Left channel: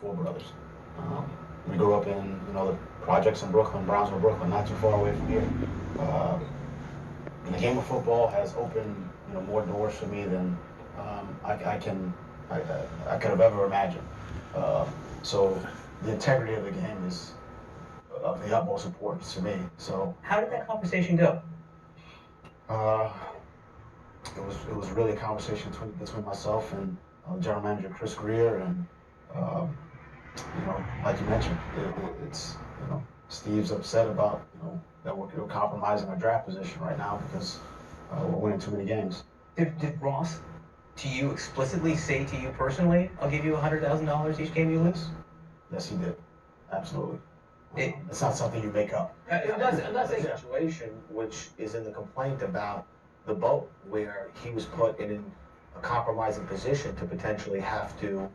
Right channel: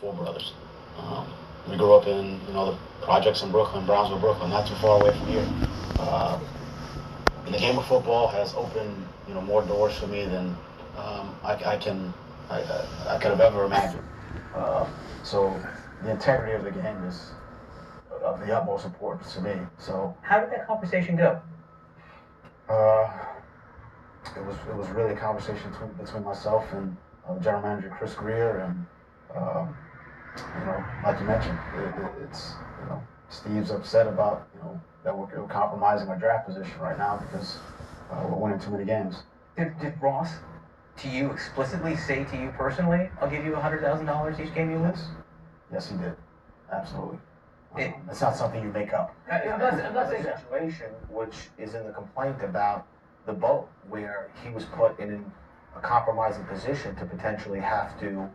four brothers. Um, we grew up in the projects in Brooklyn, Brownsville, Brooklyn, not too far away from here. Uh, and the game of football has opened more doors for me than I could have ever imagined. Uh, so the integrity of the game is of the utmost importance to me. So how did that conversation go? Uh, it was really a conversation between myself and general manager Chris Greer, and um, like you mentioned, it's Steve's upset about that we're compromising our draft position right now because we're winning too many games. Did Ross to you explicitly say to you personally, "I'll give you $100,000 each game you lose"? Yes, he did. Absolutely. It's not something you make up. That's a situation which is in the complaint about the boat, where he was put in a compromising position to potentially have to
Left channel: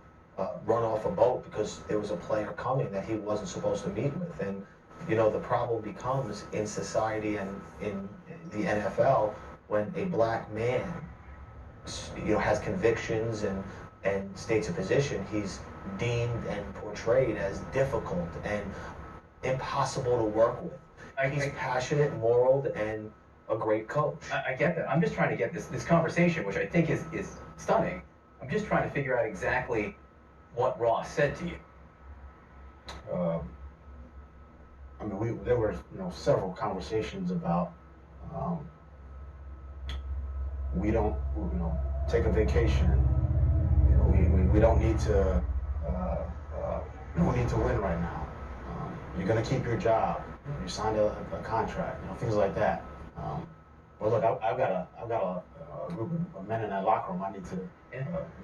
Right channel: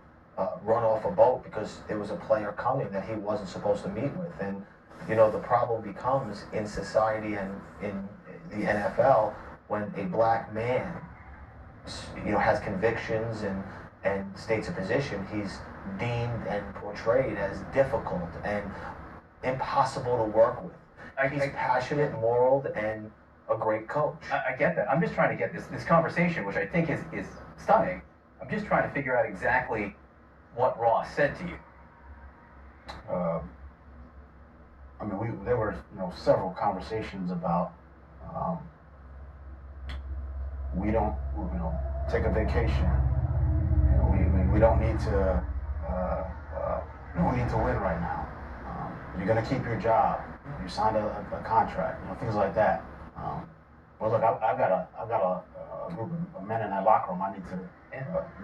run off a boat because there was a player coming that he wasn't supposed to meet with. And, the problem becomes in society and in the NFL when a black man, has convictions and states a position, he's deemed and portrayed as difficult and impossible to work with. He's passionate, moral, and a great coach. I get that. I'm just trying to get this conversation, which I think is stunning. I'm just trying to figure out exactly what Ross said to you. There were several conversations about we don't take a vacation. We don't need to win right now. You're going to keep your job. You signed a contract. Things like that. Well, look, I've got a group of men in that locker room. I need to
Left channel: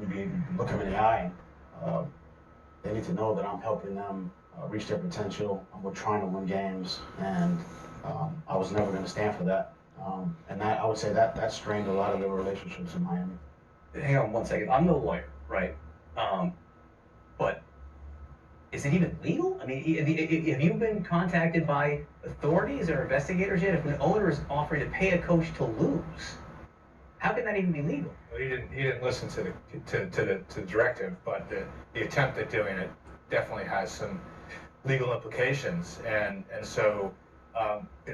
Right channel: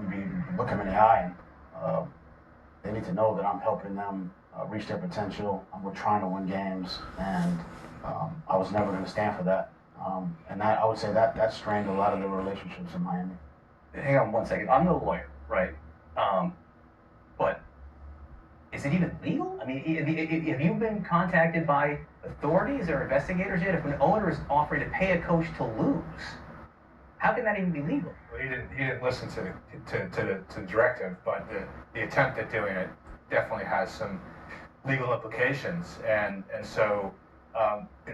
maybe look them in the eye, and they need to know that I'm helping them reach their potential. We're trying to win games, and I was never going to stand for that. And that, I would say, that strained a lot of the relationships in Miami. Hang on one second. I'm no lawyer, right? But is it even legal? I mean, have you been contacted by authorities or investigators yet? If an owner is offering to pay a coach to lose, how can that even be legal? Well, he didn't listen to the directive, but the attempt at doing it definitely has some legal implications, and so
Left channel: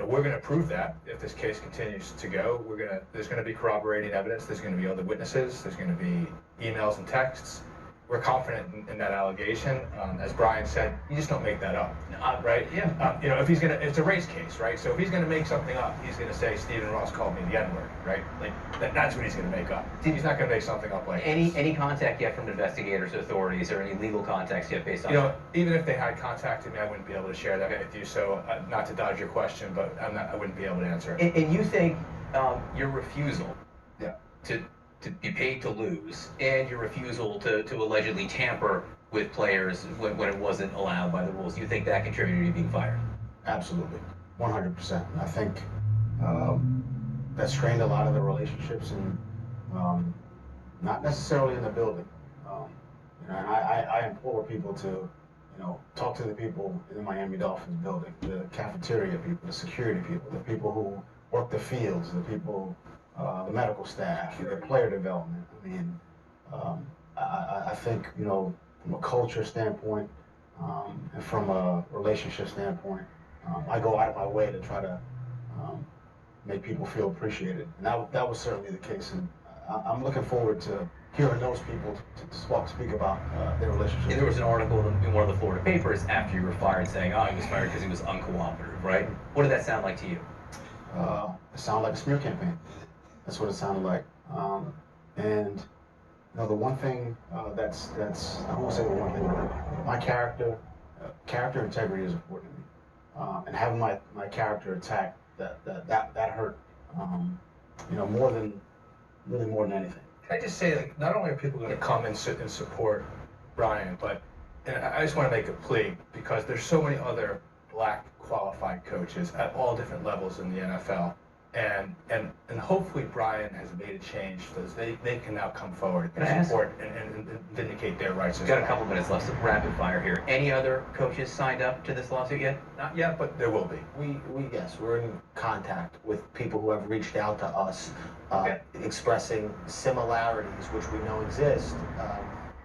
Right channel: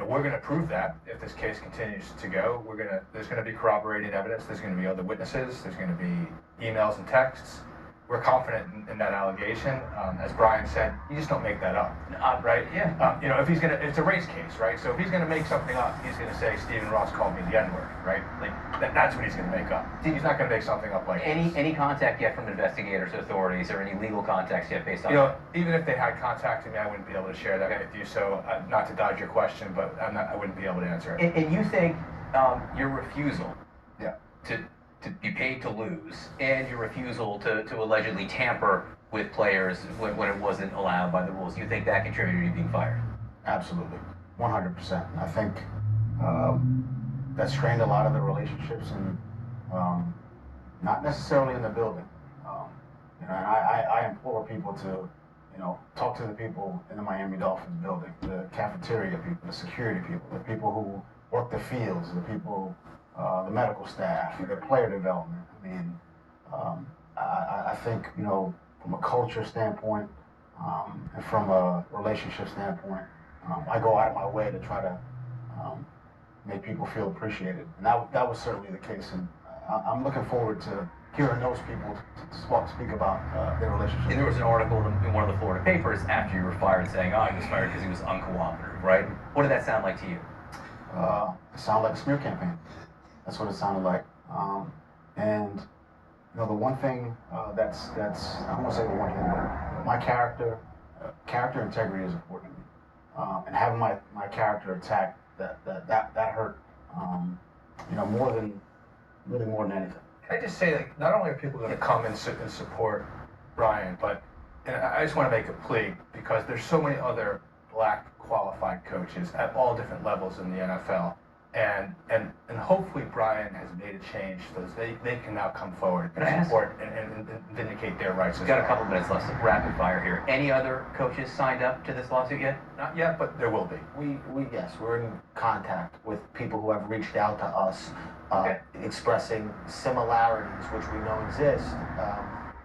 we're going to prove that if this case continues to go. There's going to be corroborating evidence. There's going to be other witnesses. There's going to be emails and texts. We're confident in that allegation. As Brian said, you just don't make that up, right? Yeah. If he's it's a race case, right? So if he's gonna make something up, he's gonna say Stephen Ross called me the N-word, right? Like that's what he's gonna make up. He's not gonna make something up like any contact yet from investigators, authorities, or any legal contacts yet based on even if they had contacted me, I wouldn't be able to share that with you. So not to dodge your question, but I wouldn't be able to answer it. And you think your refusal, Yeah. to be paid to lose, and your refusal to allegedly tamper with players when it wasn't allowed by the rules, you think that contributed to you being fired? Absolutely, 100%. I think that strained a lot of the relationships, and not necessarily in the building. And I implore people to, talk to the people in the Miami Dolphins building, the cafeteria people, the security people, the people who work the fields, the people, the medical staff, the player development. I mean, I think, from a culture standpoint and from a relationship standpoint, I go out of my way to try to make people feel appreciated. And that was certainly the case. And I'm looking forward to hearing those people to speak about their relationship. And there was an article in one of the Florida papers after you were fired saying, he was fired because he was uncooperative, right? What did that sound like to you? It sounded like a smear campaign. That's what it sounded like. And the one thing that's I don't want to say the one thing, but my character integrity is important to me. And having my character attacked, that hurt. More than anything. Can I just say, not only are people going to come and support Brian, but I just want to make a plea, because there's so many other black qualified coaches at all different levels in the NFL. And hopefully Brian has made a change so they can now come forward and support and vindicate their rights. We've got a couple minutes left, so rapid fire here. Any other coaches signed up to this lawsuit yet? Not yet, but there will be. We're in contact with people who have reached out to us, expressing similarities which we know exist,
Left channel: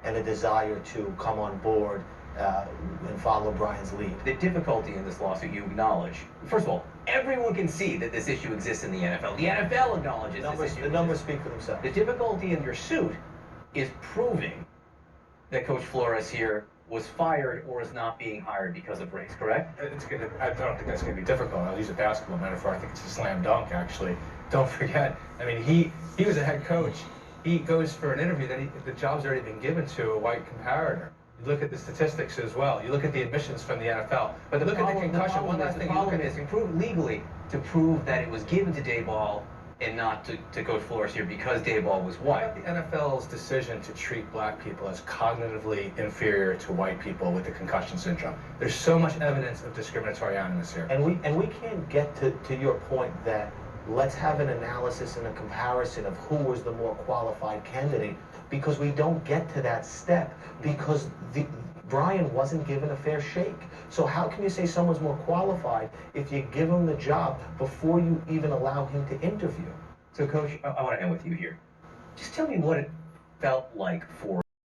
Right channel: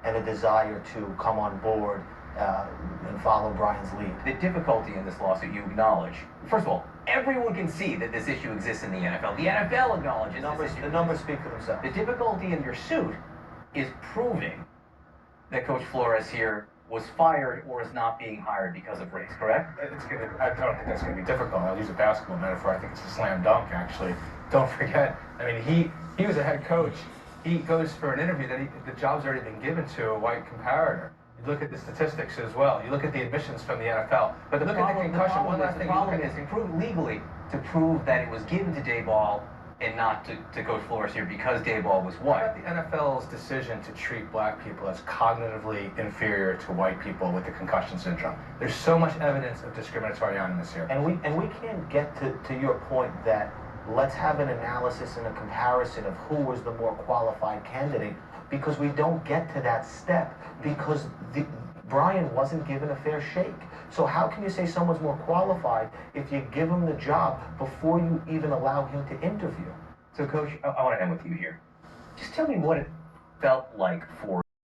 and a desire to come on board and follow Brian's lead. The difficulty in this lawsuit you acknowledge. First of all, everyone can see that this issue exists in the NFL. The NFL acknowledges this issue. The numbers speak for themselves. The difficulty in your suit is proving that Coach Flores here was fired or is not being hired because of race, correct? I don't think that's going to be difficult. I'll use a basketball metaphor. I think it's a slam dunk, actually. Don't forget, I mean, he was a head coach. He goes for an interview that the job's already been given to a white comparator. You look at the statistics as well. You look at the admissions from the NFL. But the look at the concussion. One last the thing. problem is, prove legally to prove that it was given to Dayball and not to Coach Flores here because Dayball was What white. about the NFL's decision to treat black people as cognitively inferior to white people with the concussion syndrome? There's so much evidence of discriminatory animus here. And we can't get to your point that let's have an analysis and a comparison of who was the more qualified candidate, because we don't get to that step because Brian wasn't given a fair shake. So how can you say someone's more qualified if you give him the job before you even allow him to interview? So, Coach, I want to end with you here. Just tell me what it felt like for